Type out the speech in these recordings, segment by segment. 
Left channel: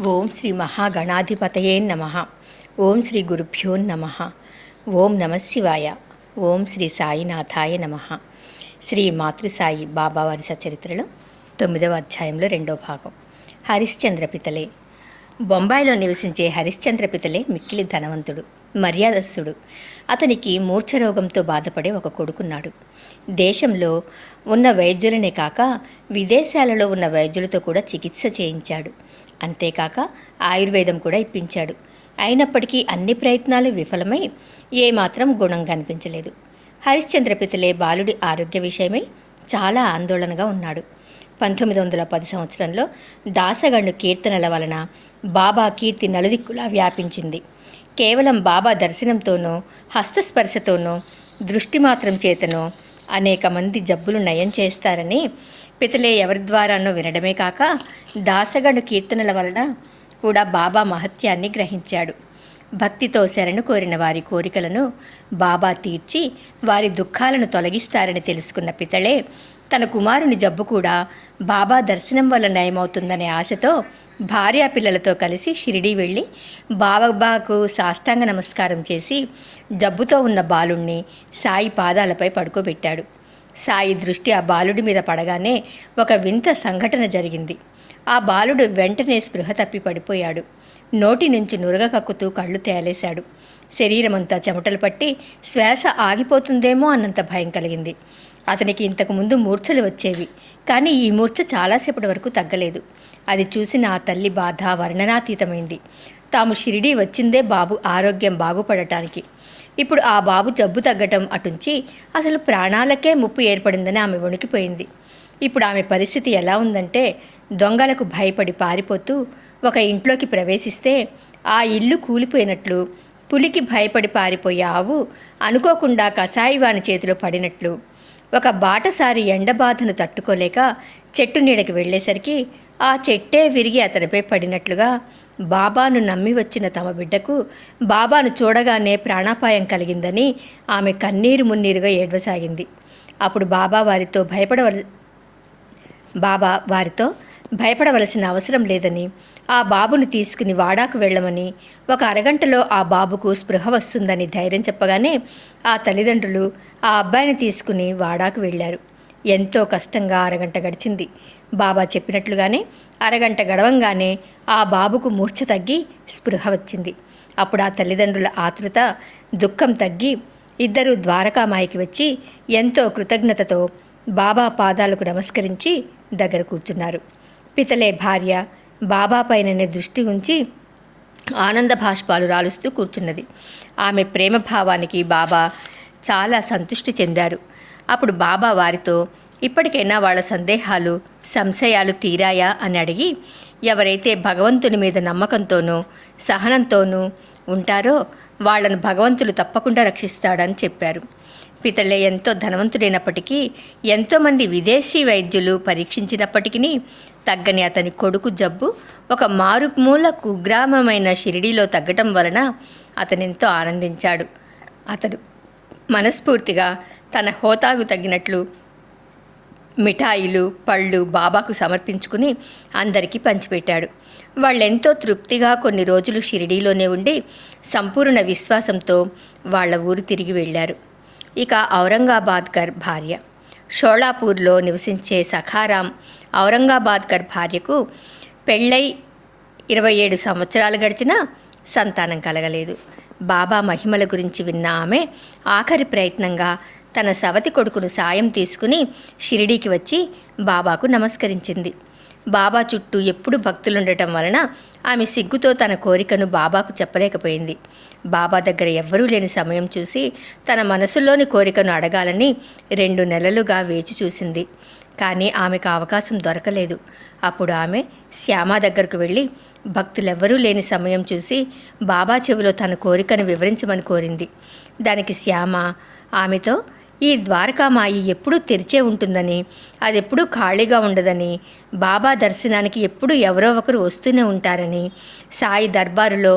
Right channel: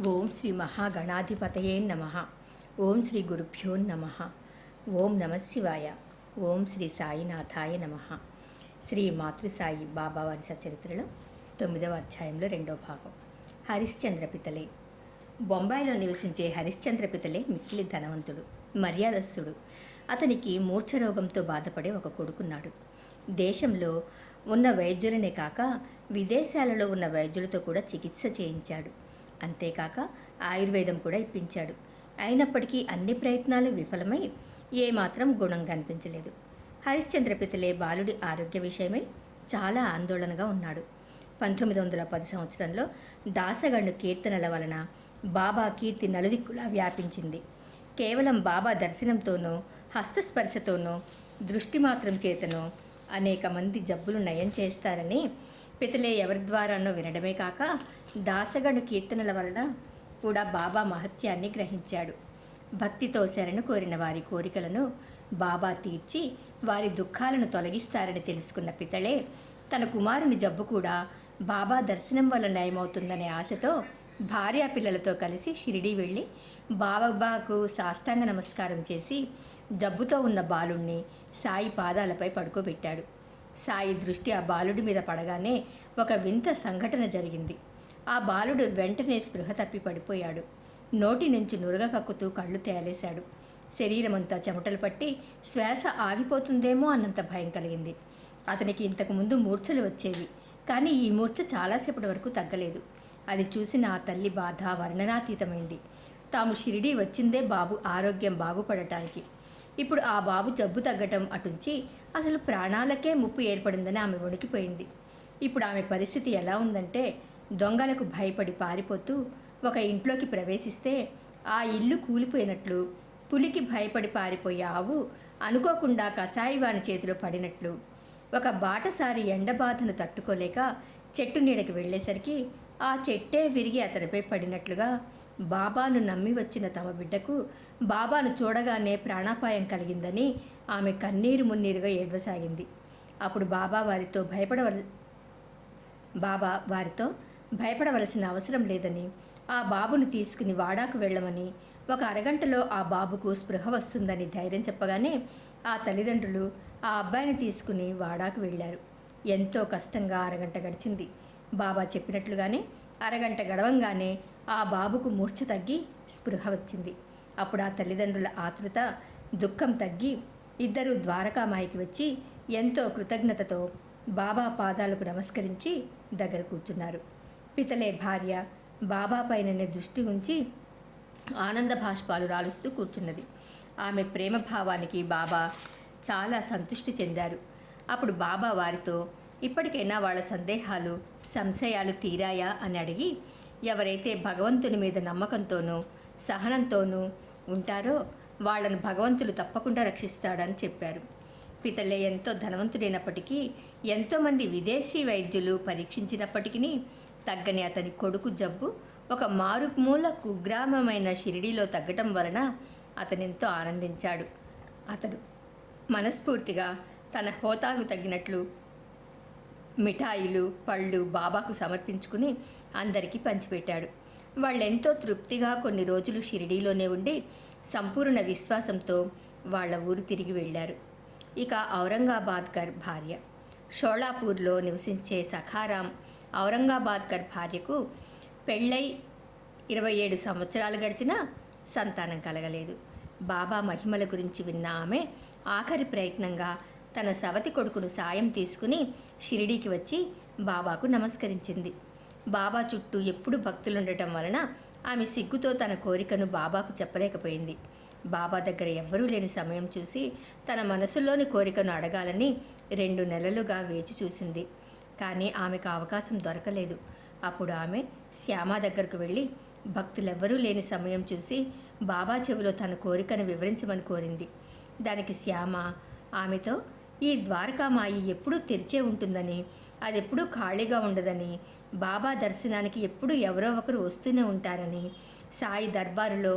ఓం శ్రీ మహాగణాధిపతయే నమః. ఓం శ్రీ గురుభ్యో నమః. ఓం నమశివాయ. ఓం శ్రీ సాయినాథాయ నమః. శ్రీ మాతృసాయి బాబావారి సచరిత్రలో 9వ అధ్యాయంలో 2వ భాగం. హరిశ్చంద్ర పితలే. బొంబాయిలో నివసించే హరిశ్చంద్ర పితలే మిక్కిలి ధనవంతుడు, మర్యాదస్తుడు. అతనికి మూర్ఛరోగంతో బాధపడే ఒక కొడుకున్నాడు. దేశంలో ఉన్న వైద్యులనే కాక విదేశాలలో ఉన్న వైద్యులతో కూడా చికిత్స చేయించాడు. అంతేకాక ఆయుర్వేదం కూడా ఇప్పించాడు. అయినప్పటికీ అన్ని ప్రయత్నాలు విఫలమై ఏమాత్రం గుణం కనిపించలేదు. హరిశ్చంద్ర పితలే బాలుడి ఆరోగ్య విషయమై చాలా ఆందోళనగా ఉన్నాడు. 1910 సంవత్సరంలో దాసగండు కీర్తనల వలన బాబా కీర్తి నలుదిక్కులా వ్యాపించింది. కేవలం బాబా దర్శనంతోనో హస్తస్పర్శతోనో దృష్టి మాత్రం చేతనో అనేక మంది జబ్బులు నయం చేస్తారని పితలే ఎవరి ద్వారానో వినడమే కాక దాసగండు కీర్తనల వలన కూడా బాబా మహత్యాన్ని గ్రహించాడు. భక్తితో శరణు కోరిన వారి కోరికలను బాబా తీర్చి వారి దుఃఖాలను తొలగిస్తారని తెలుసుకున్న పితలే తన కుమారుని జబ్బు కూడా బాబా దర్శనం వల్ల నయమవుతుందనే ఆశతో భార్యాపిల్లలతో కలిసి షిరిడీ వెళ్ళి బాబాకు సాష్టాంగ నమస్కారం చేసి జబ్బుతో ఉన్న బాలుణ్ణి సాయి పాదాలపై పడుకోబెట్టాడు. సాయి దృష్టి ఆ బాలుడి మీద పడగానే ఒక వింత సంఘటన జరిగింది. ఆ బాలుడు వెంటనే స్పృహ తప్పి పడిపోయాడు. నోటి నుంచి నురగ కక్కుతూ కళ్ళు తేలేశాడు. శరీరమంతా చెమటలు పట్టి శ్వాస ఆగిపోతుందేమో అన్నంత భయం కలిగింది. అతనికి ఇంతకుముందు మూర్ఛలు వచ్చేవి, కానీ ఈ మూర్ఛ చాలాసేపటి వరకు తగ్గలేదు. అది చూసిన ఆ తల్లి బాధ వర్ణనాతీతమైంది. తాము షిరిడీ వచ్చిందే బాబు ఆరోగ్యం బాగుపడటానికి. ఇప్పుడు ఆ బాబు జబ్బు తగ్గటం అటుంచి అసలు ప్రాణాలకే ముప్పు ఏర్పడిందని ఆమె వణికిపోయింది. ఇప్పుడు ఆమె పరిస్థితి ఎలా ఉందంటే, దొంగలకు భయపడి పారిపోతూ ఒక ఇంట్లోకి ప్రవేశిస్తే ఆ ఇల్లు కూలిపోయినట్లు, పులికి భయపడి పారిపోయే ఆవు అనుకోకుండా కసాయివాని చేతిలో పడినట్లు, ఒక బాటసారి ఎండబాధను తట్టుకోలేక చెట్టు నీడకి వెళ్ళేసరికి ఆ చెట్టే విరిగి అతనిపై పడినట్లుగా బాబాను నమ్మి వచ్చిన తమ బిడ్డకు బాబాను చూడగానే ప్రాణాపాయం కలిగిందని ఆమె కన్నీరు మున్నీరుగా ఏడవసాగింది. అప్పుడు బాబా వారితో భయపడవలసిన అవసరం లేదని, ఆ బాబును తీసుకుని వాడాకు వెళ్ళమని, ఒక అరగంటలో ఆ బాబుకు స్పృహ వస్తుందని ధైర్యం చెప్పగానే ఆ తల్లిదండ్రులు ఆ అబ్బాయిని తీసుకుని వాడాకు వెళ్ళారు. ఎంతో కష్టంగా అరగంట గడిచింది. బాబా చెప్పినట్లుగానే అరగంట గడవంగానే ఆ బాబుకు మూర్ఛ తగ్గి స్పృహ వచ్చింది. అప్పుడు ఆ తల్లిదండ్రుల ఆతృత, దుఃఖం తగ్గి ఇద్దరూ ద్వారకామాయికి వచ్చి ఎంతో కృతజ్ఞతతో బాబా పాదాలకు నమస్కరించి దగ్గర కూర్చున్నారు. పితలే భార్య బాబా పైననే దృష్టి ఉంచి ఆనంద భాష్పాలు రాలుస్తూ కూర్చున్నది. ఆమె ప్రేమ భావానికి బాబా చాలా సంతృష్టి చెందారు. అప్పుడు బాబా వారితో, ఇప్పటికైనా వాళ్ళ సందేహాలు సంశయాలు తీరాయా అని అడిగి, ఎవరైతే భగవంతుని మీద నమ్మకంతోనూ సహనంతోనూ ఉంటారో వాళ్లను భగవంతుడు తప్పకుండా రక్షిస్తాడని చెప్పారు. పితలే ఎంతో ధనవంతుడైనప్పటికీ, ఎంతోమంది విదేశీ వైద్యులు పరీక్షించినప్పటికీ తగ్గని అతని కొడుకు జబ్బు ఒక మారుమూల కుగ్రామమైన షిరిడీలో తగ్గటం వలన అతనెంతో ఆనందించాడు. అతడు మనస్ఫూర్తిగా తన హోతాకు తగ్గినట్లు మిఠాయిలు పళ్ళు బాబాకు సమర్పించుకుని అందరికీ పంచిపెట్టాడు. వాళ్ళెంతో తృప్తిగా కొన్ని రోజులు షిరిడీలోనే ఉండి సంపూర్ణ విశ్వాసంతో వాళ్ళ ఊరు తిరిగి వెళ్ళారు. ఇక ఔరంగాబాద్కర్ భార్య. షోళాపూర్లో నివసించే సఖారాం ఔరంగాబాద్కర్ భార్యకు పెళ్ళై 27 సంవత్సరాలు గడిచినా సంతానం కలగలేదు. బాబా మహిమల గురించి విన్న ఆమె ఆఖరి ప్రయత్నంగా తన సవతి కొడుకును సాయం తీసుకుని షిరిడీకి వచ్చి బాబాకు నమస్కరించింది. బాబా చుట్టూ ఎప్పుడు భక్తులుండటం వలన ఆమె సిగ్గుతో తన కోరికను బాబాకు చెప్పలేకపోయింది. బాబా దగ్గర ఎవ్వరూ లేని సమయం చూసి తన మనసులోని కోరికను అడగాలని 2 నెలలుగా వేచి చూసింది. కానీ ఆమెకు అవకాశం దొరకలేదు. అప్పుడు ఆమె శ్యామ దగ్గరకు వెళ్ళి భక్తులెవ్వరూ లేని సమయం చూసి బాబా చెవిలో తన కోరికను వివరించమని కోరింది. దానికి శ్యామ ఆమెతో, ఈ ద్వారకామాయి ఎప్పుడూ తెరిచే ఉంటుందని, అది ఎప్పుడూ ఖాళీగా ఉండదని, బాబా దర్శనానికి ఎప్పుడూ ఎవరో ఒకరు వస్తూనే ఉంటారని, సాయి దర్బారులో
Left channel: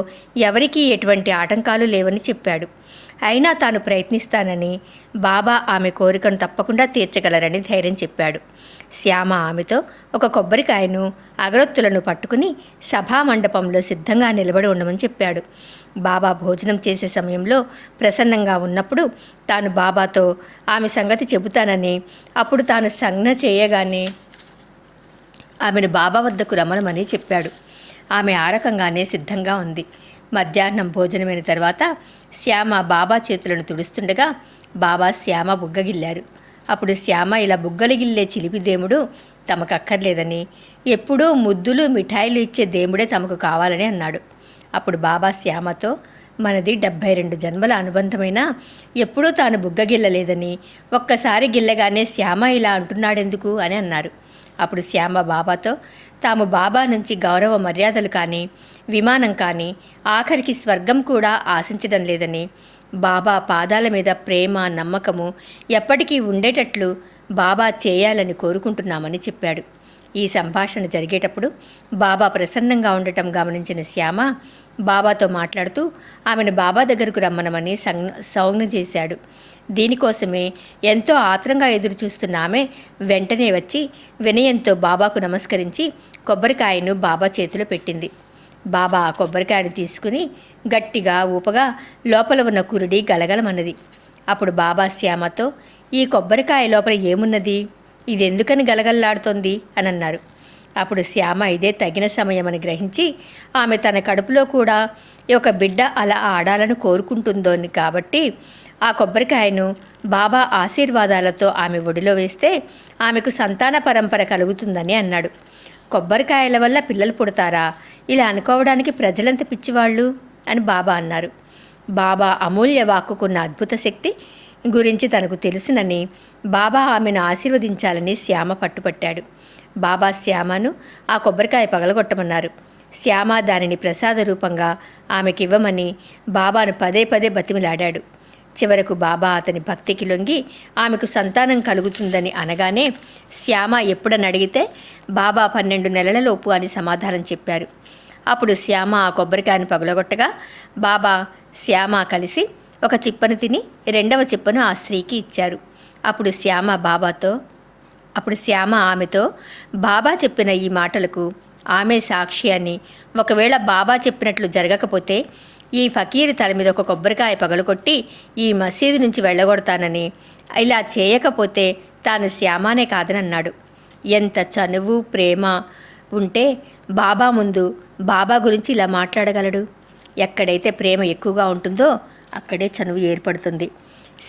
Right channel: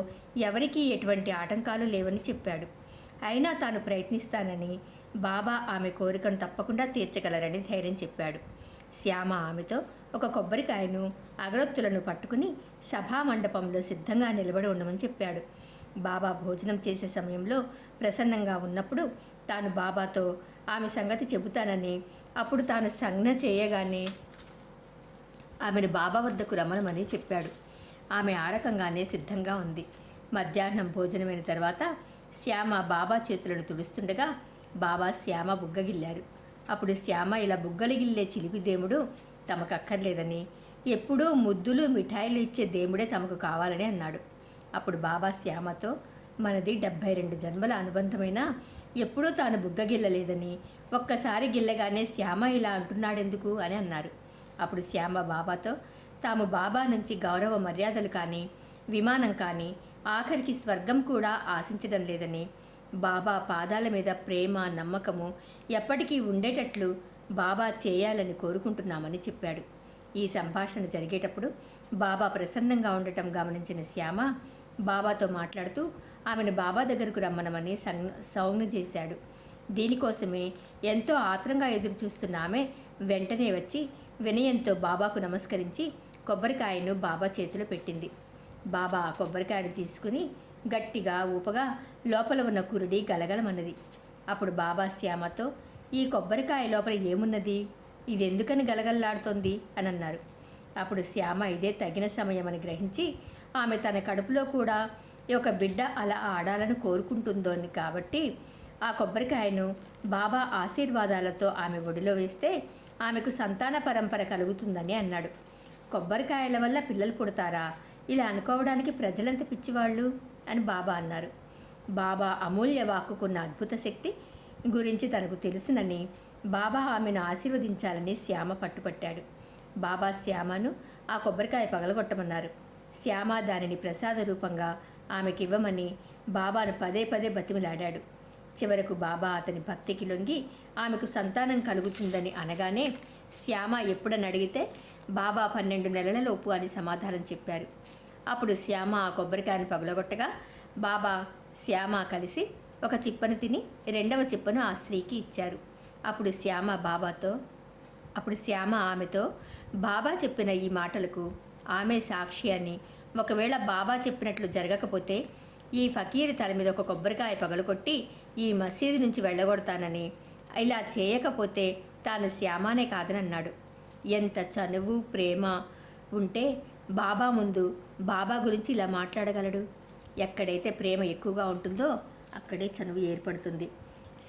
ఎవరికీ ఎటువంటి ఆటంకాలు లేవని చెప్పాడు. అయినా తాను ప్రయత్నిస్తానని, బాబా ఆమె కోరికను తప్పకుండా తీర్చగలరని ధైర్యం చెప్పాడు. శ్యామ ఆమెతో ఒక కొబ్బరికాయను అగరొత్తులను పట్టుకుని సభామండపంలో సిద్ధంగా నిలబడి ఉండమని చెప్పాడు. బాబా భోజనం చేసే సమయంలో ప్రసన్నంగా ఉన్నప్పుడు తాను బాబాతో ఆమె సంగతి చెబుతానని, అప్పుడు తాను సంజ్ఞ చేయగానే ఆమెను బాబా వద్దకు రమ్మనమని చెప్పాడు. ఆమె ఆ రకంగానే సిద్ధంగా ఉంది. మధ్యాహ్నం భోజనమైన తర్వాత శ్యామ బాబా చేతులను తుడుస్తుండగా బాబా శ్యామ బుగ్గగిల్లారు. అప్పుడు శ్యామ ఇలా బుగ్గలిగిల్లే చిలిపి దేముడు తమకు అక్కర్లేదని, ఎప్పుడూ ముద్దులు మిఠాయిలు ఇచ్చే దేముడే తమకు కావాలని అన్నాడు. అప్పుడు బాబా శ్యామతో, మనది 72 జన్మల అనుబంధమైనా ఎప్పుడూ తాను బుగ్గగిల్లలేదని, ఒక్కసారి గిల్లగానే శ్యామ ఇలా అంటున్నాడెందుకు అని అన్నారు. అప్పుడు శ్యామ బాబాతో తాము బాబా నుంచి గౌరవ మర్యాదలు కానీ, విమానం కానీ, ఆఖరికి స్వర్గం కూడా ఆశించడం లేదని, బాబా పాదాల మీద ప్రేమ నమ్మకము ఎప్పటికీ ఉండేటట్లు బాబా చేయాలని కోరుకుంటున్నామని చెప్పాడు. ఈ సంభాషణ జరిగేటప్పుడు బాబా ప్రసన్నంగా ఉండటం గమనించిన శ్యామ బాబాతో మాట్లాడుతూ ఆమెను బాబా దగ్గరకు రమ్మనమని సంజ్ఞ చేశాడు. దీనికోసమే ఎంతో ఆత్రంగా ఎదురుచూస్తున్న ఆమె వెంటనే వచ్చి వినయంతో బాబాకు నమస్కరించి కొబ్బరికాయను బాబా చేతిలో పెట్టింది. బాబా ఆ కొబ్బరికాయను తీసుకుని గట్టిగా ఊపగా లోపల ఉన్న కురుడి గలగలమన్నది. అప్పుడు బాబా శ్యామతో, ఈ కొబ్బరికాయ లోపల ఏమున్నది, ఇదెందుకని గలగల్లాడుతోంది అని అన్నారు. అప్పుడు శ్యామ ఇదే తగిన సమయమని గ్రహించి ఆమె తన కడుపులో కూడా ఒక బిడ్డ అలా ఆడాలని కోరుకుంటుందోని కాబట్టి ఆ కొబ్బరికాయను బాబా ఆశీర్వాదాలతో ఆమె ఒడిలో వేస్తే ఆమెకు సంతాన పరంపర కలుగుతుందని అన్నాడు. కొబ్బరికాయల వల్ల పిల్లలు పుడతారా, ఇలా అనుకోవడానికి ప్రజలంత పిచ్చివాళ్ళు అని బాబా అన్నారు. బాబా అమూల్య వాక్కుకున్న అద్భుత శక్తి గురించి తనకు తెలుసునని బాబా ఆమెను ఆశీర్వదించాలని శ్యామ పట్టుపట్టాడు. బాబా శ్యామను ఆ కొబ్బరికాయ పగలగొట్టమన్నారు. శ్యామ దానిని ప్రసాద రూపంగా ఆమెకివ్వమని బాబాను పదే పదే బతిమిలాడాడు. చివరకు బాబా అతని భక్తికి లొంగి ఆమెకు సంతానం కలుగుతుందని అనగానే శ్యామ ఎప్పుడని అడిగితే బాబా 12 నెలలలోపు అని సమాధానం చెప్పారు. అప్పుడు శ్యామ ఆ కొబ్బరికాయను పగలగొట్టగా బాబా శ్యామ కలిసి ఒక చిప్పను తిని 2వ చిప్పను ఆ స్త్రీకి ఇచ్చారు. అప్పుడు శ్యామ ఆమెతో బాబా చెప్పిన ఈ మాటలకు ఆమె సాక్షి అని, ఒకవేళ బాబా చెప్పినట్లు జరగకపోతే ఈ ఫకీరు తల మీద ఒక కొబ్బరికాయ పగలగొట్టి ఈ మసీదు నుంచి వెళ్ళగొడతానని, ఇలా చేయకపోతే తాను శ్యామానే కాదని అన్నాడు. ఎంత చనువు ప్రేమ ఉంటే బాబా ముందు బాబా గురించి ఇలా మాట్లాడగలడు? ఎక్కడైతే ప్రేమ ఎక్కువగా ఉంటుందో అక్కడే చనువు ఏర్పడుతుంది.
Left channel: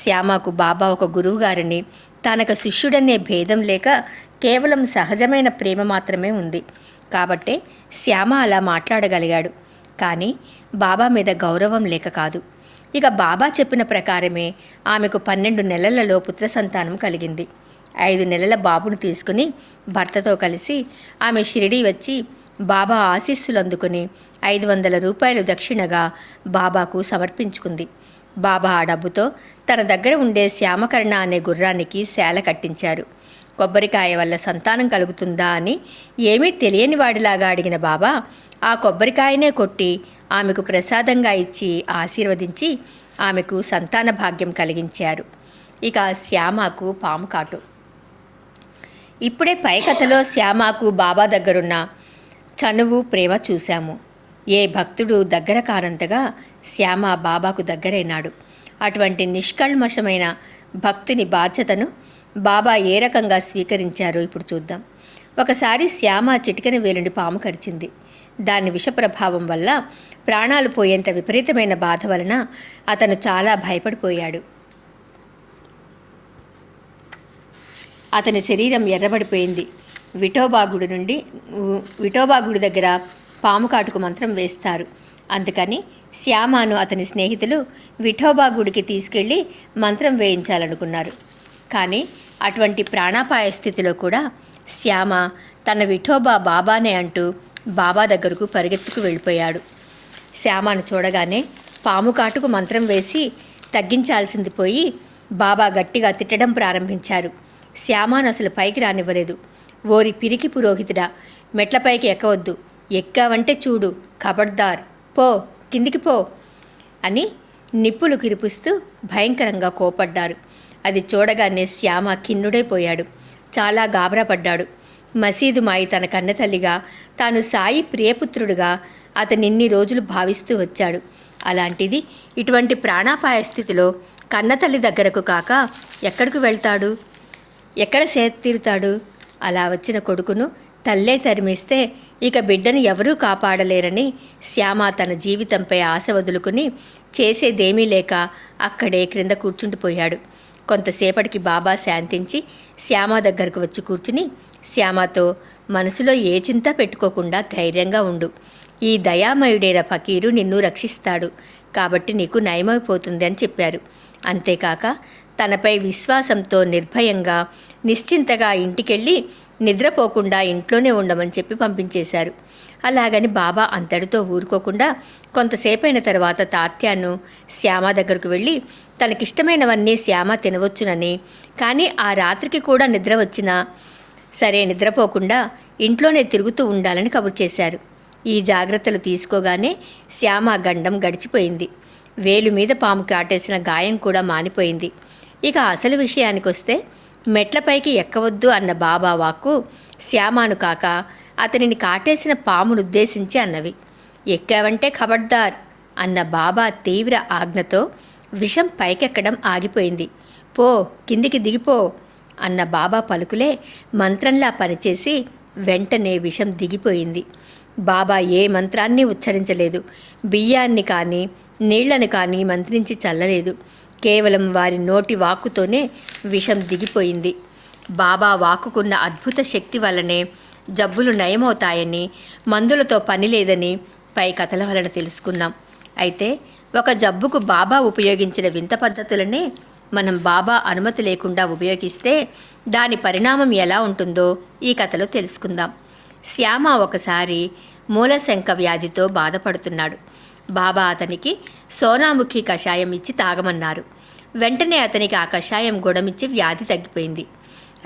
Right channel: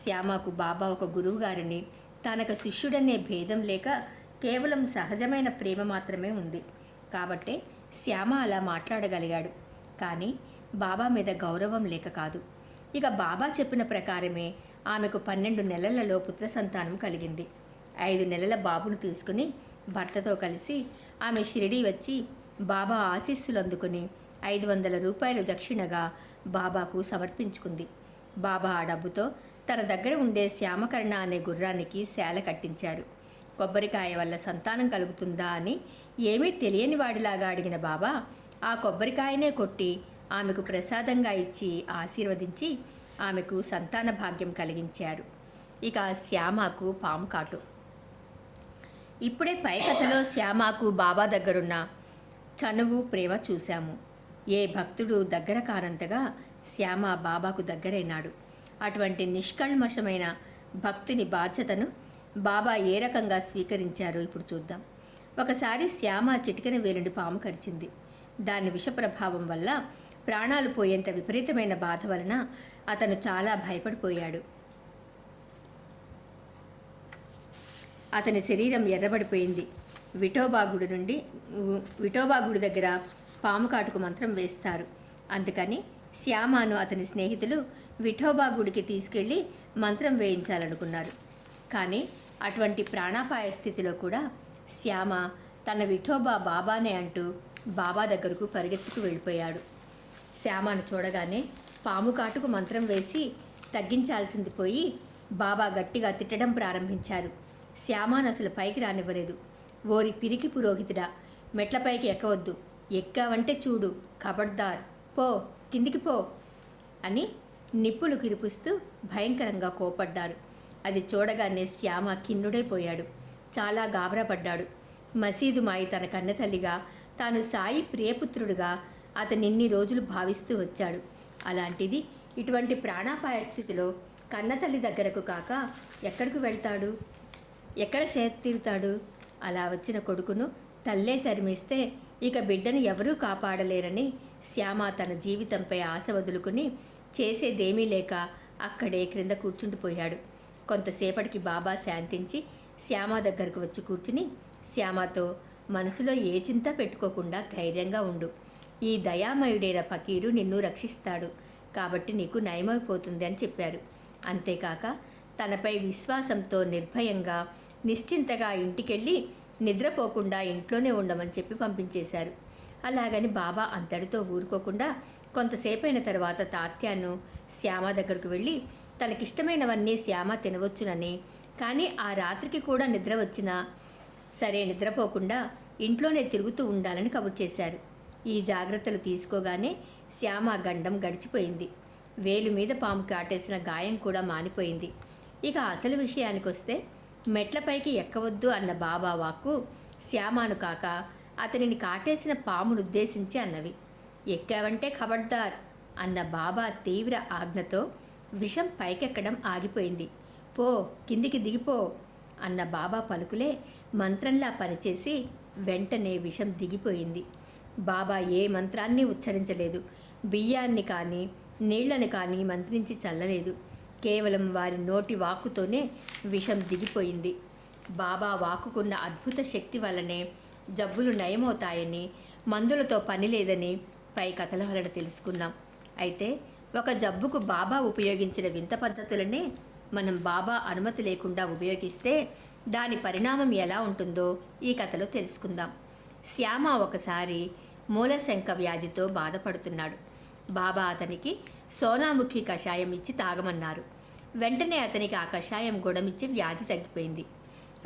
శ్యామకు బాబా ఒక గురువుగారిని, తనకు శిష్యుడనే భేదం లేక కేవలం సహజమైన ప్రేమ మాత్రమే ఉంది. కాబట్టే శ్యామ అలా మాట్లాడగలిగాడు. కానీ బాబా మీద గౌరవం లేక కాదు. ఇక బాబా చెప్పిన ప్రకారమే ఆమెకు 12 నెలలలో పుత్ర సంతానం కలిగింది. 5 నెలల బాబును తీసుకుని భర్తతో కలిసి ఆమె షిరిడీ వచ్చి బాబా ఆశీస్సులు అందుకుని 500 రూపాయలు దక్షిణగా బాబాకు సమర్పించుకుంది. బాబా ఆ డబ్బుతో తన దగ్గర ఉండే శ్యామకర్ణ అనే గుర్రానికి సేల కట్టించారు. కొబ్బరికాయ వల్ల సంతానం కలుగుతుందా అని ఏమీ తెలియని వాడిలాగా అడిగిన బాబా ఆ కొబ్బరికాయనే కొట్టి ఆమెకు ప్రసాదంగా ఇచ్చి ఆశీర్వదించి ఆమెకు సంతాన భాగ్యం కలిగించారు. ఇక శ్యామకు పాము కాటు. ఇప్పుడే పై కథలో శ్యామకు బాబా దగ్గరున్న చనువు ప్రేమ చూశాము. ఏ భక్తుడు దగ్గర కానంతగా శ్యామ బాబాకు దగ్గరైనాడు. అటువంటి నిష్కల్మషమైన భక్తుని బాధ్యతను బాబా ఏ రకంగా స్వీకరించారో ఇప్పుడు చూద్దాం. ఒకసారి శ్యామ చిటికెన వేలుండి పాము కరిచింది. దాని విషప్రభావం వల్ల ప్రాణాలు పోయేంత విపరీతమైన బాధ వలన అతను చాలా భయపడిపోయాడు. అతని శరీరం ఎర్రబడిపోయింది. విఠోబా గుడి దగ్గర పాము కాటుకు మంత్రం వేస్తారు. అందుకని శ్యామను అతని స్నేహితులు విఠోబా గుడికి తీసుకెళ్లి మంత్రం వేయించాలనుకున్నారు. కానీ అటువంటి ప్రాణాపాయ స్థితిలో కూడా శ్యామ తన విఠోబా బాబానే అంటూ బాబా దగ్గరకు పరిగెత్తుకు వెళ్ళిపోయాడు. శ్యామను చూడగానే పాము కాటుకు మంత్రం వేసి తగ్గించాల్సింది పోయి బాబా గట్టిగా తిట్టడం ప్రారంభించారు. శ్యామను అసలు పైకి రానివ్వలేదు. ఓరి పిరికి పురోహితుడా, మెట్లపైకి ఎక్కవద్దు, ఎక్కావంటే చూడు, ఖబర్దార్, పో, కిందికి పో అని నిప్పులు కిరిపిస్తూ భయంకరంగా కోపడ్డారు. అది చూడగానే శ్యామ ఖిన్నుడైపోయాడు. చాలా గాబరా పడ్డాడు. మసీదు మాయి తన కన్నతల్లిగా, తాను సాయి ప్రియపుత్రుడుగా అతనిన్ని రోజులు భావిస్తూ వచ్చాడు. అలాంటిది ఇటువంటి ప్రాణాపాయ స్థితిలో కన్నతల్లి దగ్గరకు కాక ఎక్కడికి వెళ్తాడు? ఎక్కడ తీరుతాడు? అలా వచ్చిన కొడుకును తల్లే తరిమేస్తే ఇక బిడ్డను ఎవరూ కాపాడలేరని శ్యామ తన జీవితంపై ఆశ వదులుకుని చేసేదేమీ లేక అక్కడే క్రింద కూర్చుండిపోయాడు. కొంతసేపటికి బాబా శాంతించి శ్యామ దగ్గరకు వచ్చి కూర్చుని శ్యామతో, మనసులో ఏ చింత పెట్టుకోకుండా ధైర్యంగా ఉండు. ఈ దయామయుడైన ఫకీరు నిన్ను రక్షిస్తాడు కాబట్టి నీకు నయమైపోతుంది అని చెప్పారు. అంతేకాక తనపై విశ్వాసంతో నిర్భయంగా నిశ్చింతగా ఇంటికెళ్ళి నిద్రపోకుండా ఇంట్లోనే ఉండమని చెప్పి పంపించేశారు. అలాగని బాబా అంతటితో ఊరుకోకుండా కొంతసేపైన తర్వాత తాత్యాను శ్యామ దగ్గరకు వెళ్ళి తనకిష్టమైనవన్నీ శ్యామ తినవచ్చునని, కానీ ఆ రాత్రికి కూడా నిద్ర వచ్చినా సరే నిద్రపోకుండా ఇంట్లోనే తిరుగుతూ ఉండాలని కబురు చేశారు. ఈ జాగ్రత్తలు తీసుకోగానే శ్యామ గండం గడిచిపోయింది. వేలు మీద పాము కాటేసిన గాయం కూడా మానిపోయింది. ఇక అసలు విషయానికొస్తే మెట్లపైకి ఎక్కవద్దు అన్న బాబా వాక్కు శ్యామాను కాక అతనిని కాటేసిన పామునుద్దేశించి అన్నవి. ఎక్కావంటే ఖబర్దార్ అన్న బాబా తీవ్ర ఆజ్ఞతో విషం పైకెక్కడం ఆగిపోయింది. పో, కిందికి దిగిపో అన్న బాబా పలుకులే మంత్రంలా పనిచేసి వెంటనే విషం దిగిపోయింది. బాబా ఏ మంత్రాన్ని ఉచ్చరించలేదు. బియ్యాన్ని కానీ నీళ్లను కానీ మంత్రించి చల్లలేదు. కేవలం వారి నోటి వాక్కుతోనే విషం దిగిపోయింది. బాబా వాక్కుకున్న అద్భుత శక్తి వల్లనే జబ్బులు నయమవుతాయని, మందులతో పని లేదని పై కథల వలన తెలుసుకున్నాం. అయితే ఒక జబ్బుకు బాబా ఉపయోగించిన వింత పద్ధతులనే మనం బాబా అనుమతి లేకుండా ఉపయోగిస్తే దాని పరిణామం ఎలా ఉంటుందో ఈ కథలో తెలుసుకుందాం. శ్యామ ఒకసారి మూలశంక వ్యాధితో బాధపడుతున్నాడు. బాబా అతనికి సోనాముఖి కషాయం ఇచ్చి తాగమన్నారు. వెంటనే అతనికి ఆ కషాయం గుణమిచ్చి వ్యాధి తగ్గిపోయింది.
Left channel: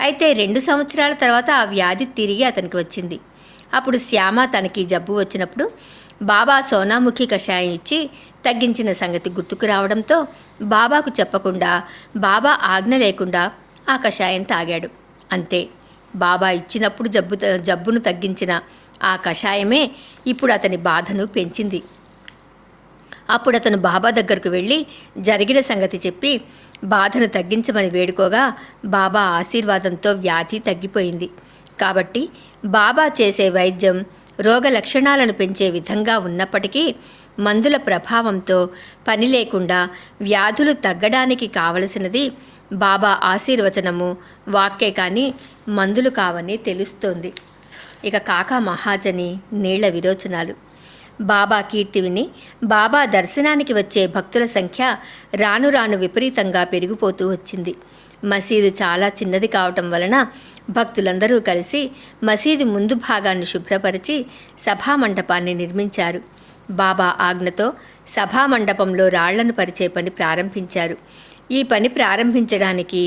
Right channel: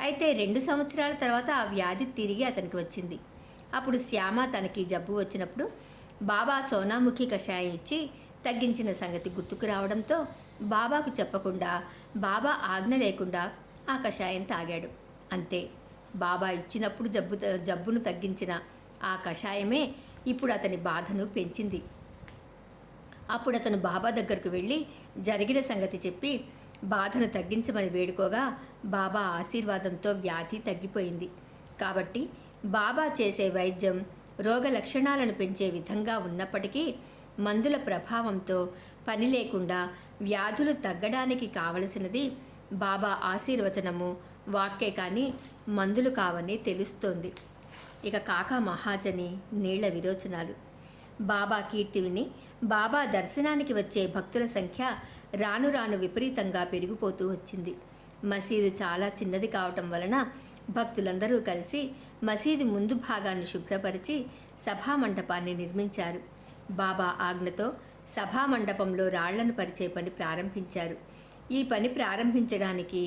అయితే 2 సంవత్సరాల తర్వాత ఆ వ్యాధి తిరిగి అతనికి వచ్చింది. అప్పుడు శ్యామ తనకి జబ్బు వచ్చినప్పుడు బాబా సోనాముఖి కషాయం ఇచ్చి తగ్గించిన సంగతి గుర్తుకు రావడంతో బాబాకు చెప్పకుండా, బాబా ఆజ్ఞ లేకుండా ఆ కషాయం తాగాడు. అంతే, బాబా ఇచ్చినప్పుడు జబ్బును తగ్గించిన ఆ కషాయమే ఇప్పుడు అతని బాధను పెంచింది. అప్పుడు అతను బాబా దగ్గరకు వెళ్ళి జరిగిన సంగతి చెప్పి బాధను తగ్గించమని వేడుకోగా బాబా ఆశీర్వాదంతో వ్యాధి తగ్గిపోయింది. కాబట్టి బాబా చేసే వైద్యం రోగ లక్షణాలను పెంచే విధంగా ఉన్నప్పటికీ మందుల ప్రభావంతో పని లేకుండా వ్యాధులు తగ్గడానికి కావలసినది బాబా ఆశీర్వచనము, వాక్కే కానీ మందులు కావని తెలుస్తోంది. ఇక కాకా మహాజని నీళ్ల విరోచనాలు. బాబా కీర్తి విని బాబా దర్శనానికి వచ్చే భక్తుల సంఖ్య రాను రాను విపరీతంగా పెరిగిపోతూ వచ్చింది. మసీదు చాలా చిన్నది కావటం వలన భక్తులందరూ కలిసి మసీదు ముందు భాగాన్ని శుభ్రపరిచి సభామండపాన్ని నిర్మించారు. బాబా ఆజ్ఞతో సభామండపంలో రాళ్లను పరిచే పని ప్రారంభించారు. ఈ పని ప్రారంభించడానికి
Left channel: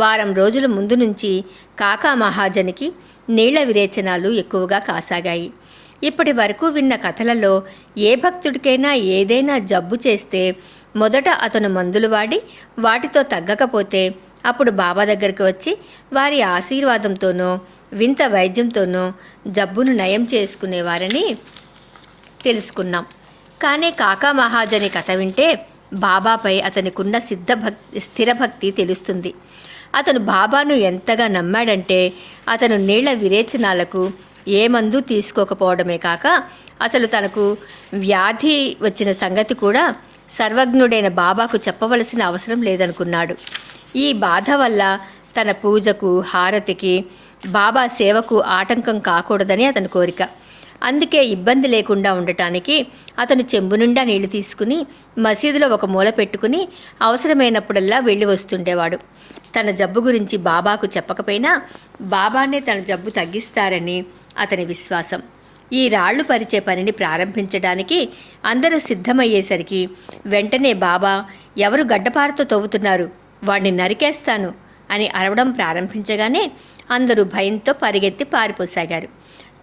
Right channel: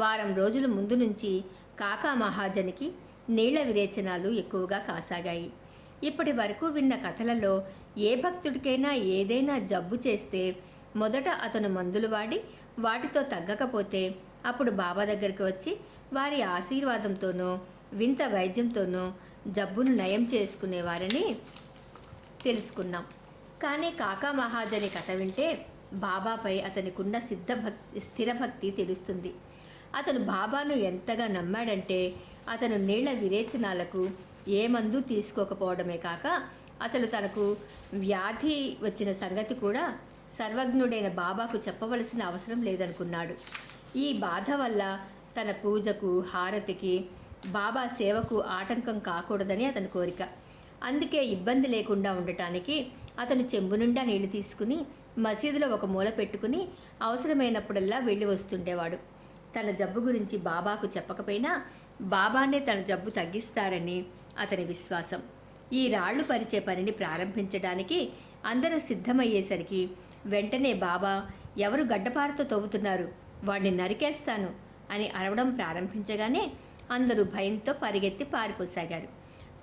వారం రోజుల ముందు నుంచి కాకా మహాజనికి నీళ్ల విరేచనాలు ఎక్కువగా కాసాగాయి. ఇప్పటి వరకు విన్న కథలలో ఏ భక్తుడికైనా ఏదైనా జబ్బు చేస్తే మొదట అతను మందులు వాడి వాటితో తగ్గకపోతే అప్పుడు బాబా దగ్గరికి వచ్చి వారి ఆశీర్వాదంతోనో వింత వైద్యంతోనో జబ్బును నయం చేసుకునేవారని తెలుసుకున్నాం. కానీ కాకా మహాజని కథ వింటే బాబాపై అతనికున్న స్థిరభక్తి తెలుస్తుంది. అతను బాబాను ఎంతగా నమ్మాడంటే అతను నీళ్ల విరేచనాలకు ఏ మందు తీసుకోకపోవడమే కాక అసలు తనకు వ్యాధి వచ్చిన సంగతి కూడా సర్వజ్ఞుడైన బాబాకు చెప్పవలసిన అవసరం లేదనుకున్నాడు. ఈ బాధ వల్ల తన పూజకు, హారతికి, బాబా సేవకు ఆటంకం కాకూడదని అతని కోరిక. అందుకే ఇబ్బంది లేకుండా ఉండటానికి అతను చెంబు నిండా నీళ్లు తీసుకుని మసీదులో ఒక మూల పెట్టుకుని అవసరమైనప్పుడల్లా వెళ్ళి వస్తుండేవాడు. తన జబ్బు గురించి బాబాకు చెప్పకపోయినా బాబానే తన జబ్బు తగ్గిస్తారని అతని విశ్వాసం. ఈ రాళ్లు పరిచే పనిని ప్రారంభించడానికి అందరూ సిద్ధమయ్యేసరికి వెంటనే బాబా, ఎవరు గడ్డపారతో తవ్వుతున్నారు, వాడిని నరికేస్తాను అని అరవడం ప్రారంభించగానే అందరూ భయంతో పరిగెత్తి పారిపోసాగారు.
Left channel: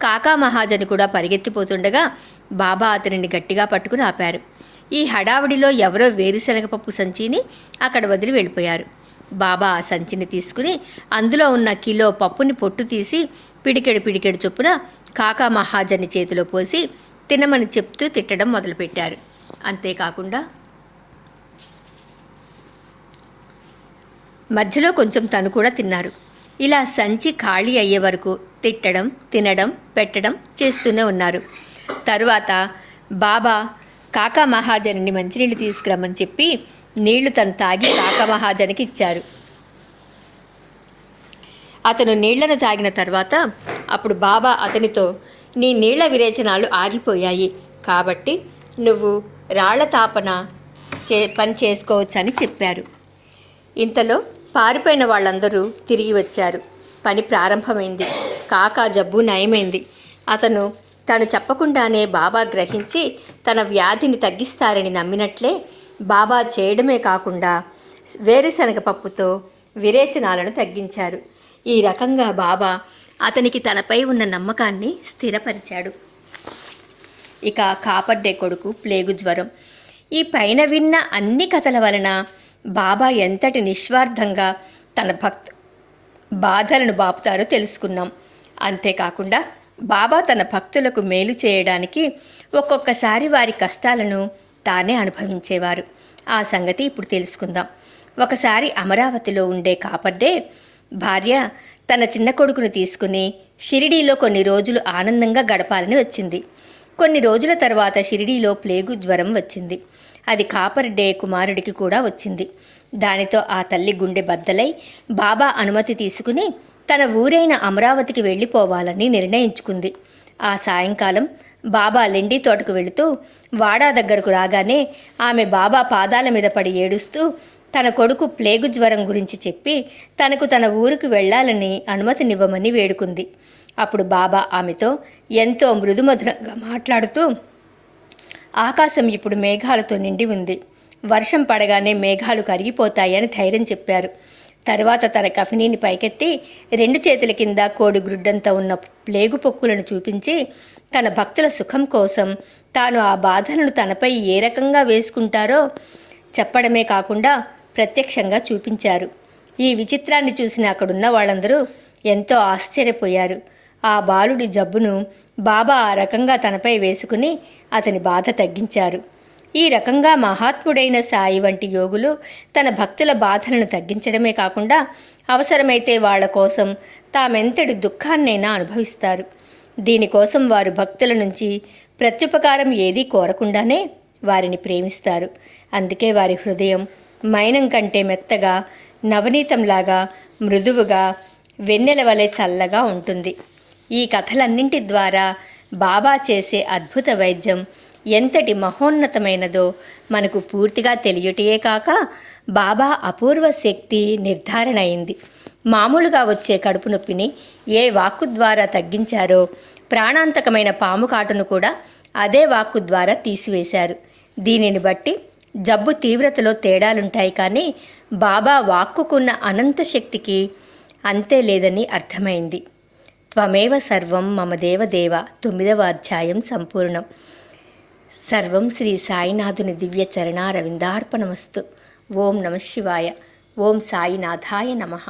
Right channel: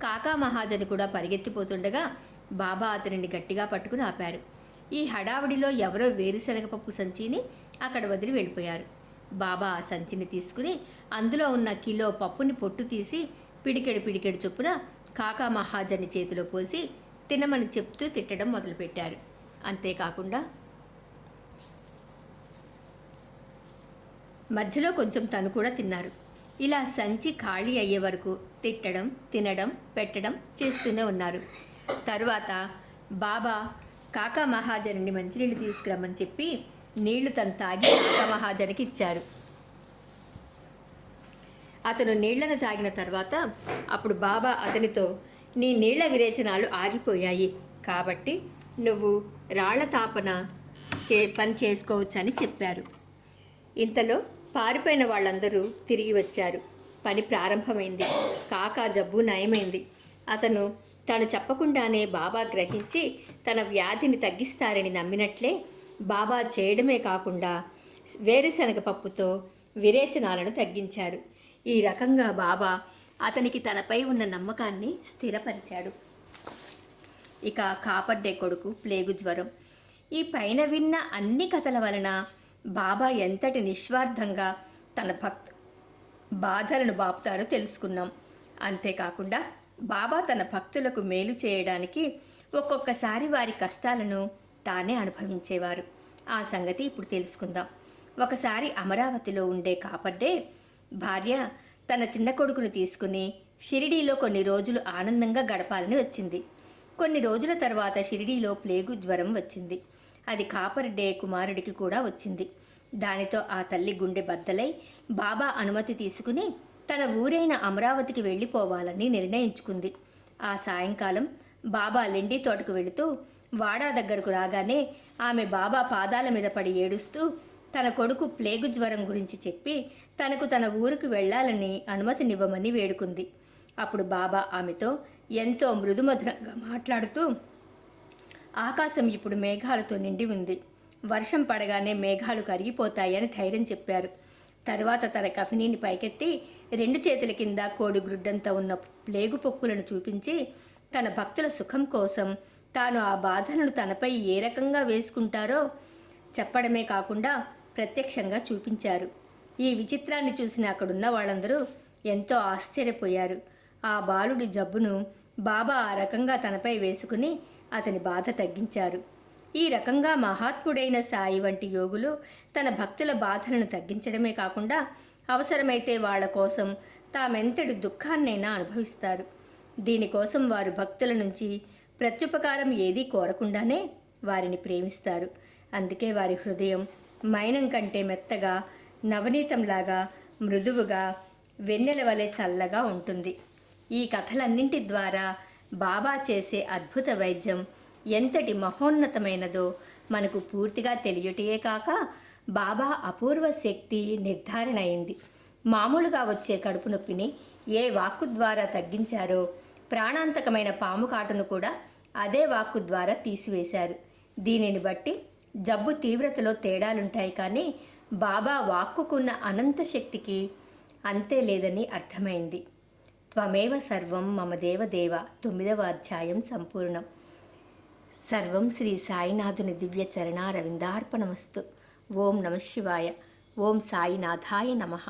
కాకా మహాజని కూడా పరిగెత్తిపోతుండగా బాబా అతనిని గట్టిగా పట్టుకుని ఆపారు. ఈ హడావుడిలో ఎవరో వేరుశనగపప్పు సంచిని అక్కడ వదిలి వెళ్ళిపోయారు. బాబా ఆ సంచిని తీసుకుని అందులో ఉన్న కిలో పప్పుని పొట్టు తీసి పిడికెడు చొప్పున కాకా మహాజని చేతిలో పోసి తినమని చెప్తూ తిట్టడం మొదలుపెట్టారు. అంతేకాకుండా మధ్యలో కొంచెం తను కూడా తిన్నారు. ఇలా సంచి ఖాళీ అయ్యే వరకు తిట్టడం, తినడం, పెట్టడం చేస్తూనే ఉన్నారు. తరువాత బాబా కాకా మహాజన్ని మంచినీళ్ళు తీసుకురమ్మని చెప్పి నీళ్లు తను తాగి కాకా మహాజనికి ఇచ్చారు. అతను నీళ్లను తాగిన తర్వాత అప్పుడు బాబా అతనితో, నీ నీళ్ల విరేచనాలు ఆగిపోయాయి కాబట్టి నువ్వు రాళ్ల తాపన పని చేసుకోవచ్చని చెప్పారు. ఇంతలో పారిపోయిన వాళ్ళందరూ తిరిగి వచ్చారు. పని ప్రారంభమైంది. కాకా జబ్బు నయమైంది. అతను తను చెప్పకుండానే బాబా గ్రహించి తన వ్యాధిని తగ్గిస్తారని నమ్మినట్లే బాబా చేయడమే కాకుండా వేరుశనగ పప్పుతో విరేచనాలను తగ్గించారు. ఈ రకంగా బాబా అతనికి తనపై ఉన్న నమ్మకాన్ని స్థిరపరిచాడు. ఇక కాపర్డే కొడుకు ప్లేగు జ్వరం. ఈ పైన విన్న అన్ని కథల వలన బాబా ఎంతటి నిస్వార్థంగా తన బాధలను బాపుతారో తెలుసుకున్నాం. అంతేకాకుండా బాబా తన భక్తులకు మేలు చేయడానికి ఒక్కొక్కసారి వారి కష్టాలను తానే అనుభవించేవారు. ఆ సంగతి ఇప్పుడు తెలుసుకుందాం. ఒకసారి అమరావతిలో ఉండే కాపర్డే భార్య తన చిన్న కొడుకును తీసుకుని షిరిడీలో కొన్ని రోజులు ఆనందంగా గడపాలని వచ్చింది. కొన్ని రోజుల తర్వాత షిరిడీలో ప్లేగు జ్వరం వచ్చింది. అది కాపర్డే కుమారుడికి కూడా వచ్చింది. దానితో ఆ తల్లి గుండె బద్దలై బాబా అనుమతి తీసుకుని తన ఊరైన అమరావతికి వెళ్ళిపోవాలని నిర్ణయించుకుంది. ఆ సాయంకాలం బాబా లెండి తోటకు వెళుతూ వాడా దగ్గరకు రాగానే ఆమె బాబా పాదాల మీద పడి ఏడుస్తూ తన కొడుకు ప్లేగు జ్వరం గురించి చెప్పి తనకు తన ఊరికి వెళ్లాలని అనుమతినివ్వమని వేడుకుంది. అప్పుడు బాబా ఆమెతో ఎంతో మృదుమధురంగా మాట్లాడుతూ, ఆకాశం ఇప్పుడు మేఘాలతో నిండి ఉంది. వర్షం పడగానే మేఘాలు కరిగిపోతాయని ధైర్యం చెప్పారు. తర్వాత తన కఫినీని పైకెత్తి 2 చేతుల కింద కోడిగ్రుడ్డంతా ఉన్న ప్లేగు పొక్కులను చూపించి తన భక్తుల సుఖం కోసం తాను ఆ బాధలను తనపై ఏ రకంగా వేసుకుంటారో చెప్పడమే కాకుండా ప్రత్యక్షంగా చూపించారు. ఈ విచిత్రాన్ని చూసిన అక్కడున్న వాళ్ళందరూ ఎంతో ఆశ్చర్యపోయారు. ఆ బాలుడి జబ్బును బాబా ఆ రకంగా తనపై వేసుకుని అతని బాధ తగ్గించారు. ఈ రకంగా మహాత్ముడైన సాయి వంటి యోగులు తన భక్తుల బాధలను తగ్గించడమే కాకుండా అవసరమైతే వాళ్ల కోసం తామెంతటి దుఃఖాన్నైనా అనుభవిస్తారు. దీనికోసం వారు భక్తుల నుంచి ప్రత్యుపకారం ఏదీ కోరకుండానే వారిని ప్రేమిస్తారు. అందుకే వారి హృదయం మైనం కంటే మెత్తగా, నవనీతంలాగా, మృదువుగా, వెన్నెల వలె చల్లగా ఉంటుంది. ఈ కథలన్నింటి ద్వారా బాబా చేసే అద్భుత వైద్యం ఎంతటి మహోన్నతమైనదో మనకు పూర్తిగా తెలియటయే కాక బాబా అపూర్వ శక్తి నిర్ధారణ అయింది. మామూలుగా వచ్చే కడుపు నొప్పిని ఏ వాక్కు ద్వారా తగ్గించారో ప్రాణాంతకమైన పాము కాటును కూడా అదే వాక్కు ద్వారా తీసివేశారు. దీనిని బట్టి జబ్బు తీవ్రతలో తేడాలుంటాయి, కానీ బాబా వాక్కుకున్న అనంత శక్తికి అంతే లేదని అర్థమైంది. త్వమేవ సర్వం మమ దేవదేవ 9వ అధ్యాయం సంపూర్ణం. సర్వం శ్రీ సాయినాథుని దివ్య చరణారవిందార్పణమస్తు. ఓం నమః శివాయ. ఓం సాయినాథాయ నమః.